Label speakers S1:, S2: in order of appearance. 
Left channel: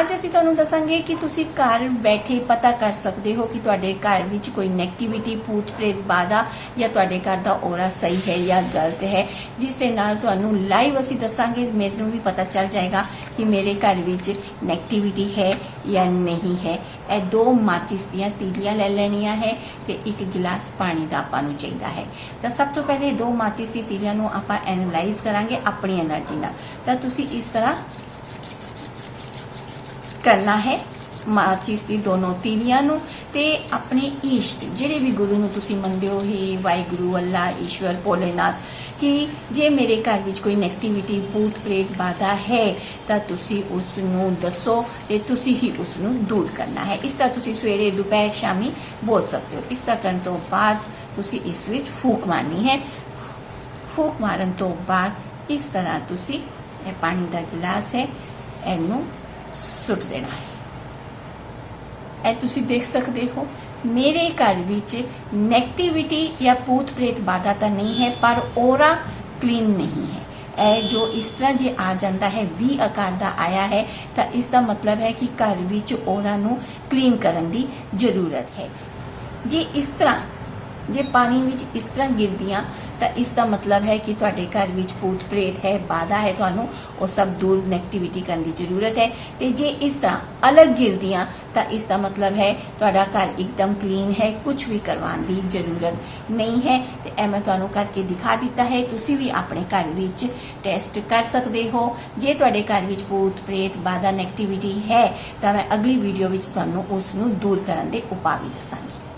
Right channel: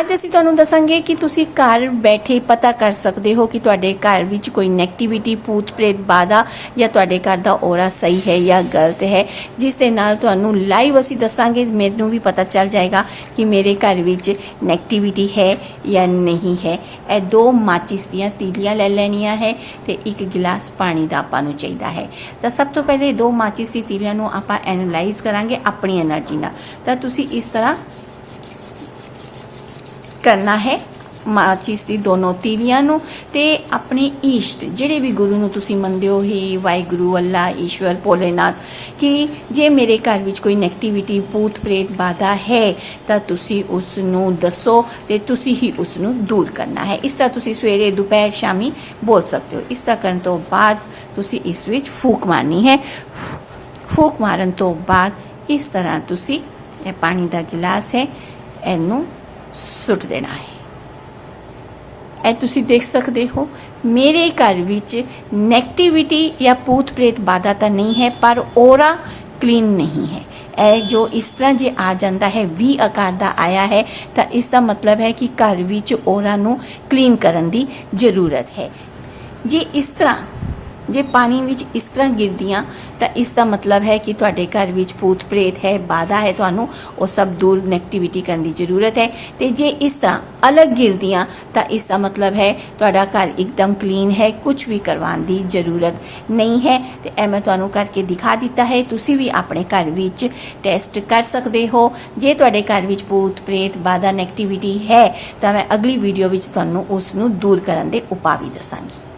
S1: ਅੱਜ ਅਸੀਂ ਤੁਹਾਨੂੰ ਦੱਸਾਂਗੇ ਕਿ ਤੁਸੀਂ ਘਰ ਬੈਠੇ ਪਤਾ ਕਰ ਸਕਦੇ ਹੋ ਕਿ ਤੁਹਾਡੇ ਘਰ ਵਿੱਚ ਕੋਈ 네ਗੇਟਿਵਿਟੀ ਭੂਤ ਪ੍ਰੇਤ ਬਾधा ਜਾਂ ਤੁਹਾਡੇ ਘਰ ਦਾ ਔਰਾ ਸਹੀ ਹੈ ਜਾਂ ਗਲਤ ਹੈ। ਜਿਸ ਦੇ ਨਾਲ ਤੁਹਾਨੂੰ ਲਾਈਵ ਅਸੀਂ ਦੱਸਾਂਗੇ, ਮੈਨੂੰ ਵੀ ਪਤਾ ਚੱਲ ਜਾਏਗਾ ਕਿ ਮੇਰੇ ਘਰ ਵਿੱਚ 네ਗੇਟਿਵਿਟੀ ਹੈ ਜਾਂ ਨਹੀਂ ਹੈ। ਇਹ ਦੋ ਮਾਚਿਸ ਦੀਆਂ ਤੀਲੀਆਂ ਲੈ ਲੈਣੀਆਂ ਹੈ ਤੇ ਇੱਕ ਗਿਲਾਸ ਪਾਣੀ ਦਾ ਆਪਾਂ ਨੂੰ ਚਾਹੀਦਾ ਹੈ। ਤਾਂ ਸਭ ਤੋਂ ਪਹਿਲੇ ਦੋ ਮਾਚਿਸ ਦੀ ਤੀਲੀਆਂ ਨੂੰ ਆਪਾਂ ਐਨਲਾਈਜ਼ ਕਰਾਂਗੇ ਆਪਣੀ એનર્ਜੀ ਨਾਲ। ਤਾਂ ਤੁਸੀਂ ਇਸ ਤਰ੍ਹਾਂ ਕਰਨਾ ਹੈ, ਮਾਚਿਸ ਦੀ ਦੋਨੋਂ ਤੀਲੀਆਂ ਨੂੰ ਤੇ ਆਪਣੇ ਈਸ਼ਟ, ਜਿਹੜੇ ਵੀ ਗੁਰੂ ਨੂੰ ਤੁਸੀਂ ਮੰਨਦੇ ਹੋ, ਹੀ ਵਾਹਿਗੁਰੂ, ਅੱਲਾ, ਈਸ਼ਵਰ, ਭੋਲੇਨਾਥ, ਕਿ ਜੇ ਮੇਰੇ ਘਰ ਵਿੱਚ ਕੋਈ ਨੈਗੇਟਿਵਿਟੀ ਭੂਤ ਪ੍ਰੇਤ, ਬਾਧਾ ਹੈ, ਤਾਂ ਤੁਸੀਂ ਉਸ ਨੂੰ ਦੱਸੋ ਤੇ ਤੁਸੀਂ ਹੀ ਉਸ ਨੂੰ ਦੂਰ ਕਰਨਾ ਹੈ। ਇਸ ਤਰ੍ਹਾਂ ਤੁਸੀਂ ਸਵੇਰੇ, ਦੁਪਹਿਰ, ਸ਼ਾਮੀ ਬੋਲ ਸਕਦੇ ਹੋ। ਇਸ ਤਰ੍ਹਾਂ ਕਰਨ ਤੋਂ ਬਾਅਦ ਤੁਸੀਂ ਇਸ ਵਿੱਚ ਫੂਕ ਮਾਰਨੀ ਹੈ। ਫੂਕ ਮਾਰਨ ਤੋਂ ਬਾਅਦ ਇਸ ਤਰ੍ਹਾਂ ਤੁਸੀਂ, ਇਹ ਪਾਣੀ ਦਾ ਗਿਲਾਸ ਹੈ, ਇਹਨੂੰ ਸੁੱਟ ਦੇਣਾ ਹੈ। ਇਹ ਤੁਸੀਂ ਦੇਖ ਸਕਦੇ ਹੋ, ਮੇਰੇ ਘਰ ਵਿੱਚ ਨੈਗੇਟਿਵਿਟੀ ਜਾਂ ਭੂਤ ਪ੍ਰੇਤ ਬਾਧਾ ਤਾਂ ਨਹੀਂ ਹੈ, ਪਰ ਔਰਾ ਕਲੀਨ ਨਹੀਂ ਹੈ। ਇਹ ਜੋ ਇਸ ਤਰ੍ਹਾਂ ਜੇ ਆ ਜਾਂਦਾ ਹੈ, ਵੀ ਆਕਾਰ ਦਾ ਆਇਆ ਹੈ, ਤਾਂ ਇਸ ਦਾ ਮਤਲਬ ਹੈ ਕਿ ਘਰ ਵਿੱਚ ਔਰਾ ਨੂੰ ਕਲੀਨ ਕਰਨ ਦੀ ਜ਼ਰੂਰਤ ਹੈ। ਜੇ ਇਸ ਤਰ੍ਹਾਂ ਜੇ ਪਾਣੀ ਵਿੱਚ ਇਸ ਤਰ੍ਹਾਂ ਗਿਰਦੀਆਂ, ਤਾਂ ਇਸ ਦਾ ਮਤਲਬ ਹੈ ਕਿ ਤੁਹਾਡੇ ਘਰ ਵਿੱਚ ਭੂਤ ਪ੍ਰੇਤ ਹੈ, ਬਾਧਾ ਹੈ, ਤੁਹਾਨੂੰ ਉਹ ਸਭ ਦੂਰ ਨੈਗੇਟਿਵਿਟੀ ਕਰਨ ਦੀ ਜ਼ਰੂਰਤ ਹੈ। ਤੇ ਜੇ ਇਸ ਤਰ੍ਹਾਂ ਅਲੱਗ ਗਿਰਦੀਆਂ, ਤਾਂ ਇਸ ਦਾ ਮਤਲਬ ਹੈ ਤੁਹਾਡਾ ਘਰ ਇੱਕਦਮ ਕਲੀਨ ਹੈ ਕੁਝ ਵੀ ਕਰਵਾਉਣ ਦੀ ਜ਼ਰੂਰਤ ਨਹੀਂ ਹੈ। ਤੇ ਇਹ ਮੈਂ ਤੁਹਾਨੂੰ ਕਰਕੇ ਦਿਖਾ ਦਿੱਤਾ ਹੈ, ਤੁਸੀਂ ਵੀ ਆਪਣੇ ਘਰ ਵਿੱਚ ਟੈਸਟ ਕਰ ਸਕਦੇ ਹੋ। ਜੇ ਤੁਹਾਡੇ ਘਰ ਵਿੱਚ ਭੂਤ ਪ੍ਰੇਤ, ਬਾਧਾ ਨੈਗੇਟਿਵਿਟੀ ਹੈ, ਤਾਂ ਮੈਂ ਅਗਲੀ ਵੀਡੀਓ ਵਿੱਚ ਤੁਹਾਨੂੰ ਉਸ ਨੂੰ ਦੂਰ ਕਰਨ ਦੇ ਉਪਾਅ ਵੀ ਦੱਸਾਂਗੀ।